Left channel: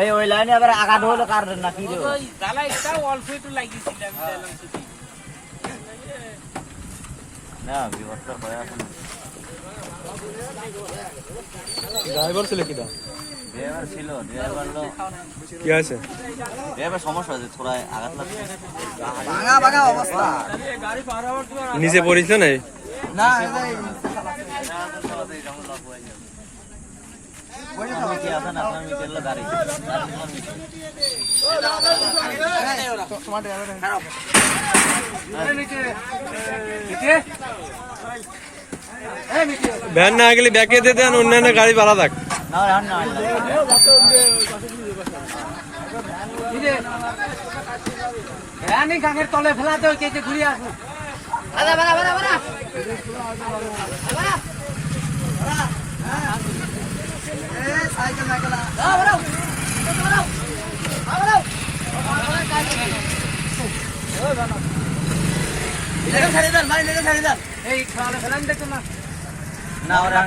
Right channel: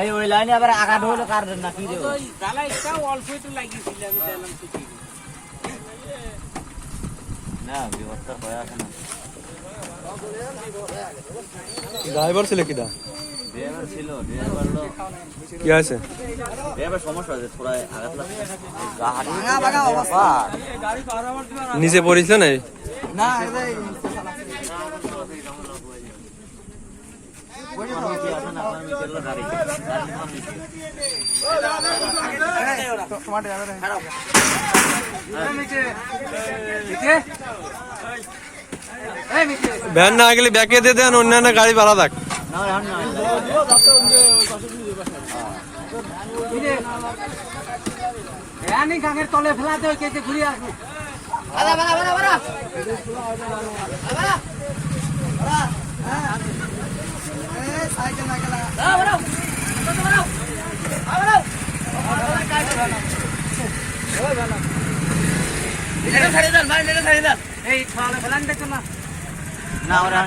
এই ওই লাইনে আবার আঘাত হলো কার না কি রে জ্বালা একটা অল্প একটু লাগিয়েছিল আমি চাইলাম তো না বিবর্তন হয়ে আছে ড্রাইভার ছিল কিটা ড্রাইভার ছিল ড্রাইভার লো কি আছে ড্রাইভার সমস্যা আছে থোড়া আঘাত লাগছে ভাঙা ভাঙা অবস্থা নিচে পড়িস না না ভ্যান না গেলে ব্যাকে দিয়ে দেন অন্যান্য গাড়ি ভাড়া থাক গাঙের তলে ফেলাতে ওই কেটে ঘুরিয়ে আসবো এই ফেলান দেখো না না ওরা